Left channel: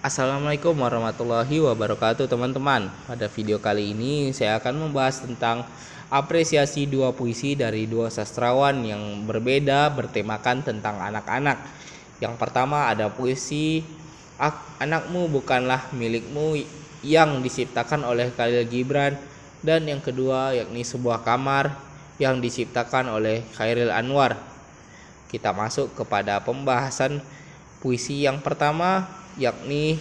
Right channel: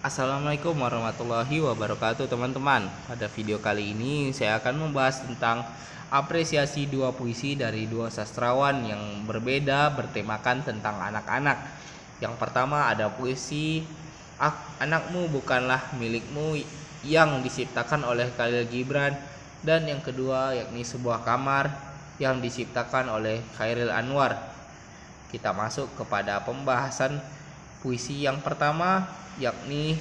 Assalamualaikum warahmatullahi wabarakatuh teman-teman. Pada video kali ini saya akan membahas tentang apresiasi dua puisi dari dua sastrawan yang berbeda bertemakan tentang anak-anak. Yang pertama ada puisi Anakmu Bukanlah Milikmu yang diciptakan oleh Khalil Gibran, dan yang kedua yakni Sebuah Kamar yang diciptakan oleh Chairil Anwar. Kita masuk kepada pembahasan puisi yang pertama, yakni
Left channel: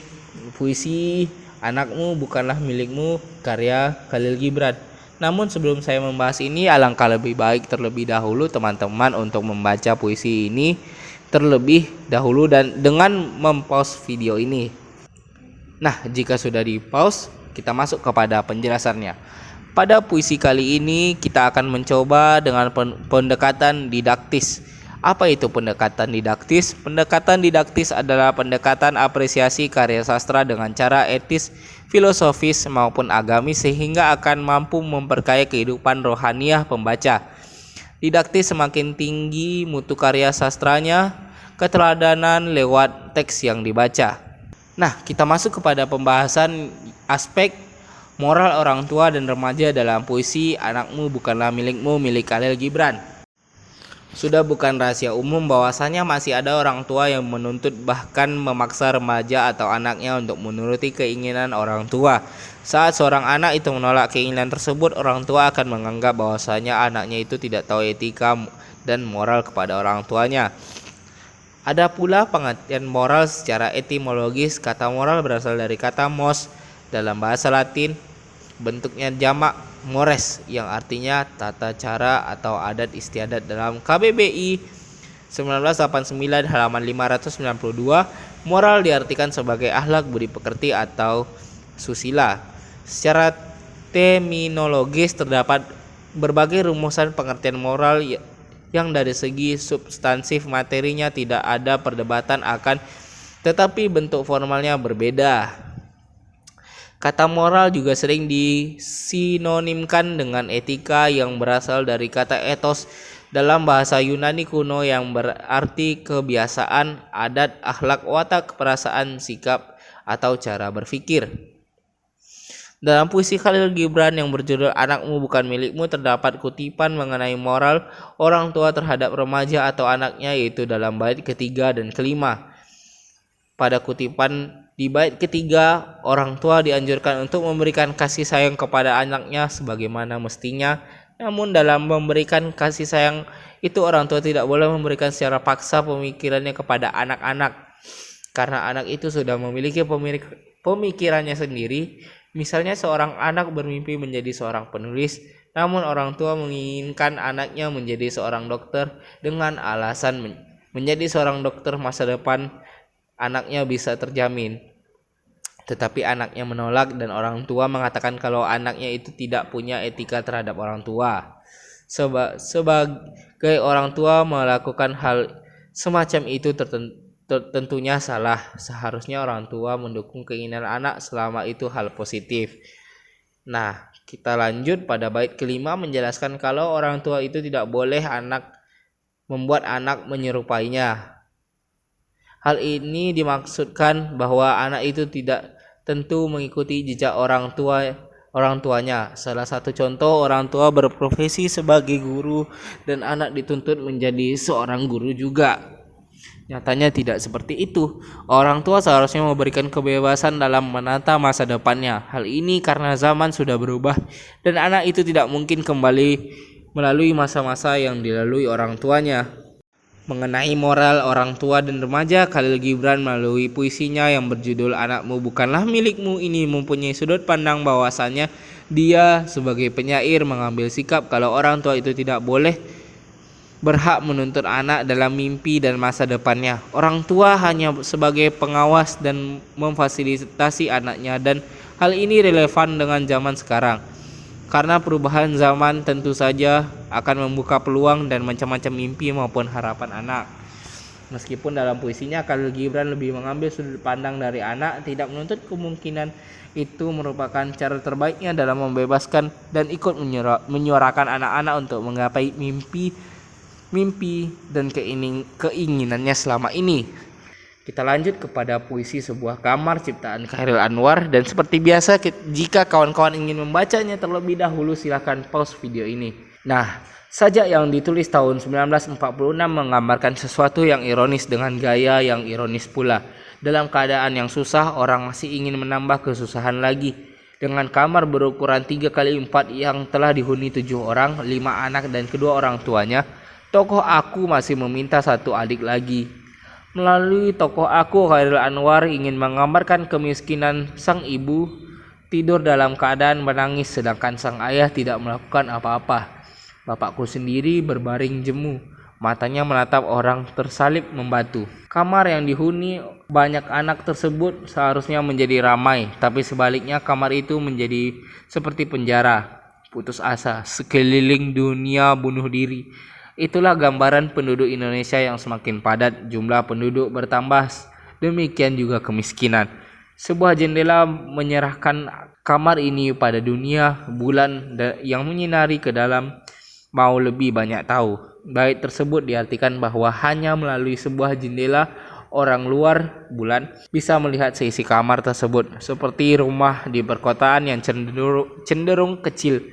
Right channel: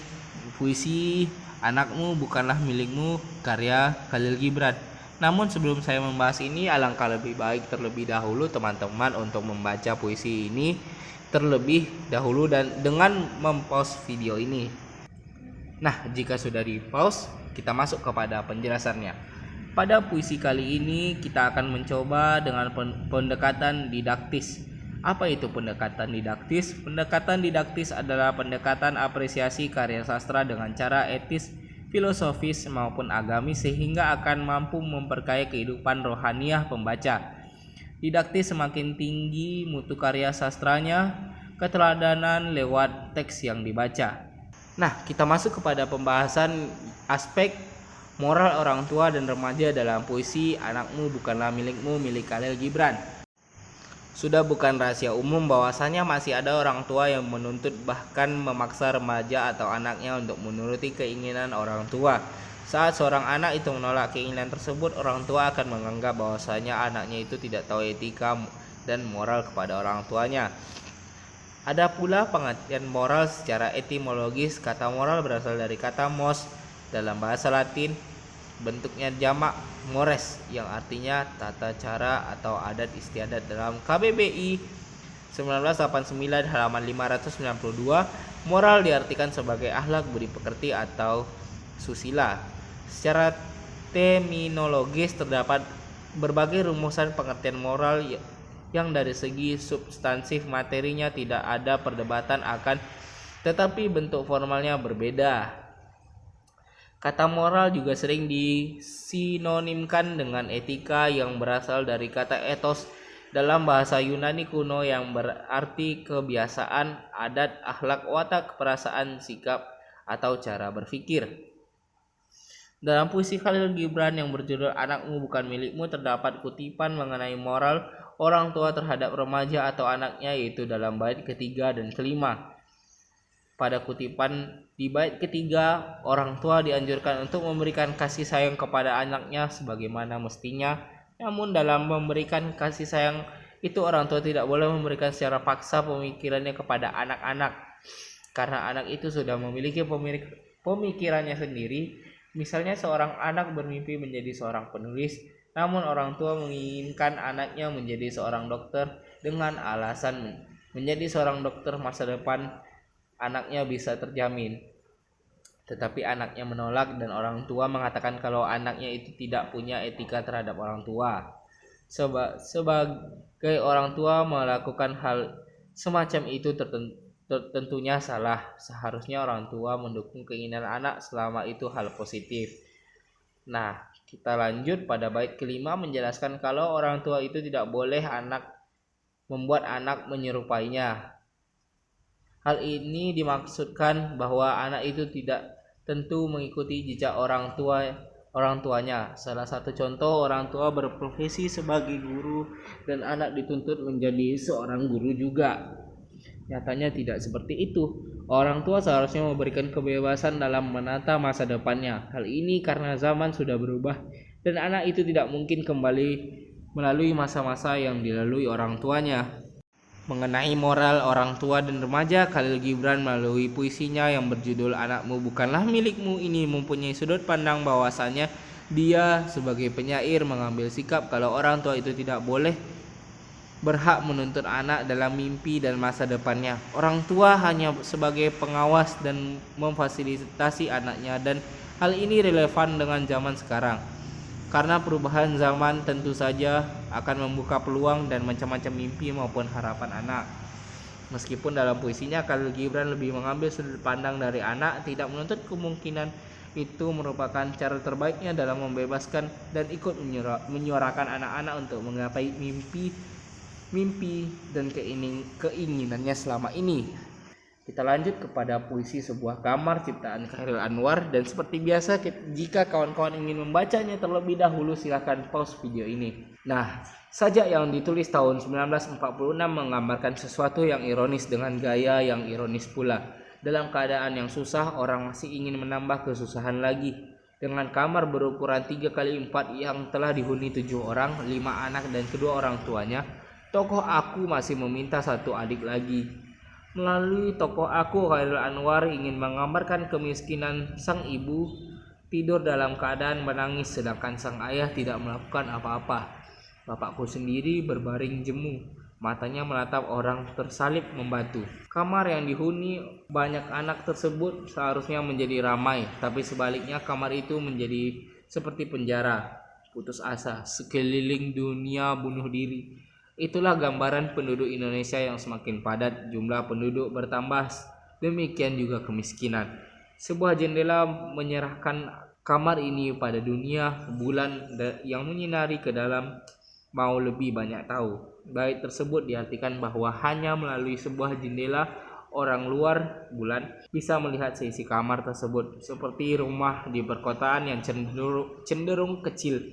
puisi Anakmu Bukanlah Milikmu karya Khalil Gibran. Namun sebelum saya membahas ini, alangkah lebih baik terlebih dahulu teman-teman untuk membaca puisi ini terlebih dahulu dan dengan mempause video ini. Nah, jika sudah di pause, kita masuk kepada penjelasannya. Pada puisi kali ini kita akan mencoba dengan pendekatan didaktis. Apa itu pendekatan didaktis? Pendekatan didaktis adalah pendekatan apresiasi karya sastra dengan cara etis, filosofis maupun agamis sehingga akan mampu memperkaya kehidupan rohaniah pembaca. Didaktis semakin tinggi mutu karya sastranya, keteladanan lewat teks yang dibaca. Nah, kita masuk kepada pembahasan aspek moral orang tua dan remaja dalam puisi Anakmu Bukanlah Milikmu milik Khalil Gibran. Sudah bukan rahasia umum bahwasanya masih ada orang tua yang menuntut bahkan memaksa remaja atau anaknya untuk menuruti keinginan orang tua. Saat seorang anak itu menolak keinginan tersebut, orang tua akan menganggap bahwasanya anaknya itu tidak tahu etika dan moral kepada orang tuanya. Ada pula pengertian moral secara etimologis. Kata moral berasal dari kata mos dalam bahasa Latin, bentuknya jamak mores yang artinya tata cara atau adat istiadat. Dalam KBBI 1989 halaman 592, moral diartikan sebagai akhlak budi pekerti atau susila. Secara terminologis terdapat berbagai rumusan pengertian moral yang dari segi substansif materinya tidak ada perdebatan akan, tetapi bentuk formalnya berbeda. Kata moral juga sering disinonimkan dengan etika yang berasal dari kata ethos dalam bahasa Yunani kuno yang berarti kebiasaan, adat, akhlak, watak, perasaan, sikap, atau cara berpikir. Dalam puisi Khalil Gibran yang berjudul Anakmu Bukan Milikmu terdapat kutipan mengenai moral orang tua terhadap remaja atau anaknya, yaitu dalam bait ketiga dan kelima. Pada kutipan di bait ketiga, orang tua dianjurkan untuk memberikan kasih sayang kepada anaknya sebagaimana mestinya. Namun dalam memberikan kasih sayang itu, orang tua tidak boleh memberikan secara paksa pemikirannya kepada anak-anak, karena anak itu sudah memiliki pemikirannya sendiri. Misalnya seorang anak bermimpi menjadi seorang penulis, namun orang tua menginginkan anaknya menjadi seorang dokter dengan alasan menjadi seorang dokter masa depan anaknya bisa terjamin. Tetapi anaknya menolak dan orang tua mengatakan kalau anaknya itu tidak punya etika terhadap orang tua. Sebagai orang tua melakukan hal semacam itu tentunya salah. Seharusnya orang tua mendukung keinginan anak selama itu hal positif. Nah, kita lanjut pada bait kelima menjelaskan kalau orang tua itu tidak boleh membuat anak menyerupainya. Hal ini dimaksudkan bahwa anak itu tidak tentu mengikuti jejak orang tuanya. Salah satu contoh, orang tua berprofesi sebagai guru dan anak dituntut menjadi seorang guru juga. Nyatanya tidak seperti itu. Orang tua seharusnya memberikan kebebasan dalam menata masa depannya. Hal ini karena zaman sudah berubah dan anak itu tidak mungkin kembali melalui masa-masa yang dilalui orang tuanya. Mengenai moral orang tua dan remaja, Khalil Gibran melalui puisinya yang berjudul Anakmu Bukanlah Milikmu ini mempunyai sudut pandang bahwasanya dia sebagai penyair mengambil sikap kalau orang tua itu tidak boleh berhak menuntut anak dalam mimpi dan masa depannya. Orang tua hanya sebagai pengawas dan memfasilitasi anaknya, dan hal ini relevan dengan zaman sekarang. Karena perubahan zaman tentu saja akan membuka peluang dan macam-macam mimpi maupun harapan anak. Meskipun dalam puisinya Khalil Gibran lebih mengambil sudut pandang dari anak, tidak menuntut kemungkinan itu merupakan cara terbaiknya dalam membebaskan dan ikut menyuarakan anak-anak untuk menggapai mimpi dan keinginannya selama ini. Kita lanjut kepada puisi sebuah kamar ciptaan Chairil Anwar, dan seperti biasa jika kawan-kawan ingin membacanya terlebih dahulu silahkan pause video ini. Nah, sajak yang ditulis tahun 1946 menggambarkan sesuatu yang ironis dengan gaya yang ironis pula. Dalam keadaan yang susah, orang masih ingin menambah kesusahan lagi. Dengan kamar berukuran 3x4 yang telah dihuni 7 orang, 5 anak dan kedua orang tuanya, tokoh aku masih meminta satu adik lagi. Melalui tokoh aku, Chairil Anwar ingin menggambarkan kemiskinan sang ibu tidur dalam keadaan menangis sedangkan sang ayah tidak melakukan apa-apa. Bapakku sendiri berbaring jemu, matanya menatap orang tersalib membatu. Kamar yang dihuni banyak anak tersebut seharusnya menjadi ramai, tapi sebaliknya kamar itu menjadi seperti penjara. Putus asa, sekeliling dunia bunuh diri. Itulah gambaran penduduk Indonesia yang semakin padat, jumlah penduduk bertambah, demikian juga kemiskinan. Sebuah jendela menyerahkan kamar ini pada dunia, bulan yang menyinari ke dalam mau lebih banyak tahu. Bait tersebut diartikan bahwa hanya melalui sebuah jendela orang luar bulan bisa melihat seisi kamar tersebut, seperti rumah di perkotaan yang cenderung kecil,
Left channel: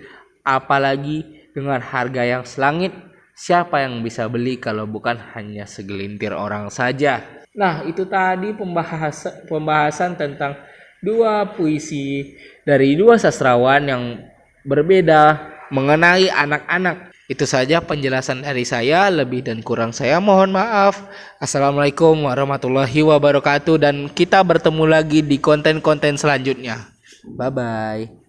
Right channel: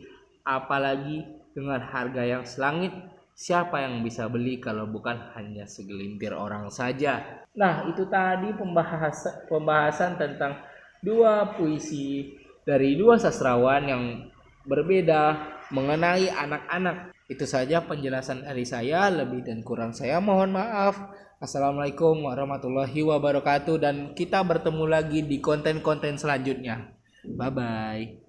apalagi dengan harga yang selangit. Siapa yang bisa beli kalau bukan hanya segelintir orang saja? Nah, itu tadi pembahasan tentang dua puisi dari dua sastrawan yang berbeda mengenai anak-anak. Itu saja penjelasan dari saya, lebih dan kurang saya mohon maaf. Assalamualaikum warahmatullahi wabarakatuh, dan kita bertemu lagi di konten-konten selanjutnya. Bye-bye.